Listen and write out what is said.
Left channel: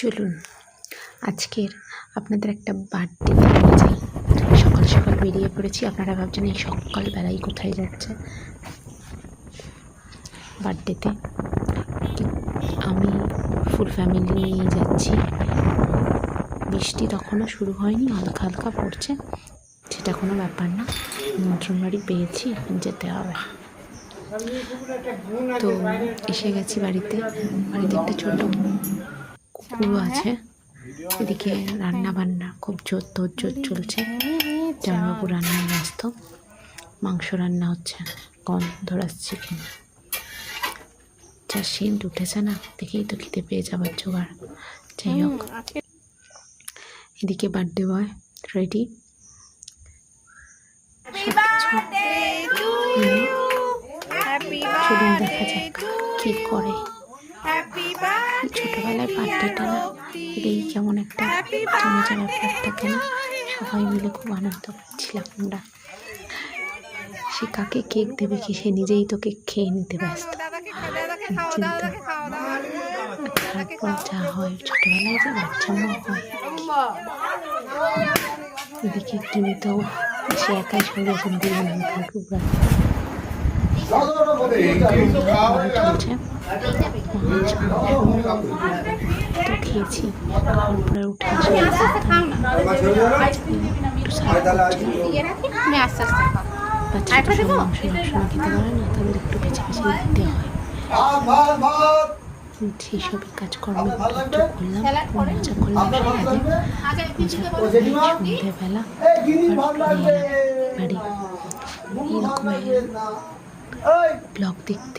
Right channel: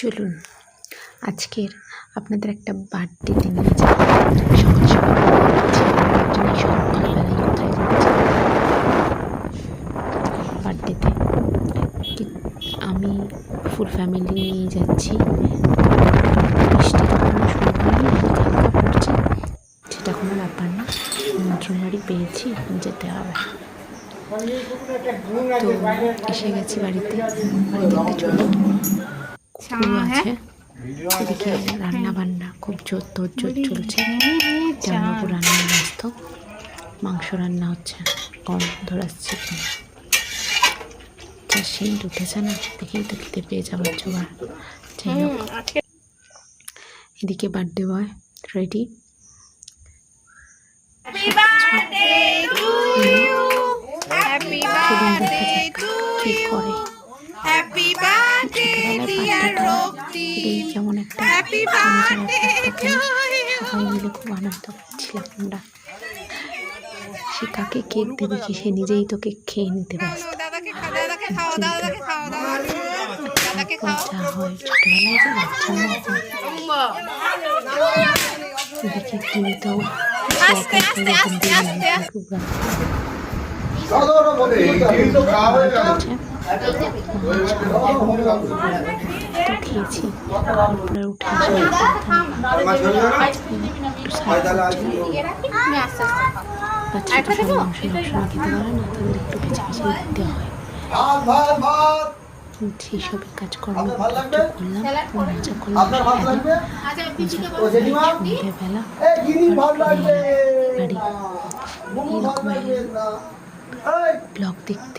চলুন আজকের আপনাদের একটা বার্থডে নিয়ে যাই। সকাল সকাল বেরিয়ে পড়েছি। আপনারা ভাবছেন এই সকালবেলায় কোথায় যাচ্ছে বার্থডেতে। আমি ফুল ফ্যামিলি নিয়ে যাচ্ছি। বৃষ্টি তখনও শুরু হয়নি, হালকা হালকা পড়ছে, সেটা কোনো ব্যাপার না। নিমন্ত্রণ বাড়ি পেয়েছি, এখন যেতে হবে। তো এসে গেছি বাড়িতে একটা ছোট কুকুর আছে। এদিকে রান্না বান্না খুব জোর চলছে। জামাইবাবু রান্নায় ব্যস্ত, মাংস রান্না হচ্ছে, গন্ধ আসছে কিনা যা সেন্ট উঠেছে না, দেখেই তো খেতে পেয়ে যাবার জোগাড়। যাই হোক, এদিকে বার্থডে বয় রেডি। চলুন দেখা যাক কি করে। ছোটবেলায় বার্থডেটা এই কেমন একটা মজার ব্যাপারটা, কেন সবাই মিলে খুব আনন্দ করছিলাম আমরা। সে কাকে কেক দেবে কি, সে নিজেই তো কেক খেয়ে নিতে ব্যস্ত। তারপর যা হয় ছোটবেলায় যে বাচ্চামো হয়। এদিকে তুমি তো সে একাই এরকম দিয়ে তো খেয়েছি। খাওয়ার পরে উঠে আসে একটু সার্ভ করছিলাম। বাচ্চারা তো সব মাংস খেতে পারে না, তাদের একটু বেছে বেছে দিতে হয়। সেই সবই কাজকর্ম একটু করলাম, মজা করলাম সকালে। মজা করে সন্ধ্যেবেলা বাড়ি এইরকম ব্লগ দেখতে।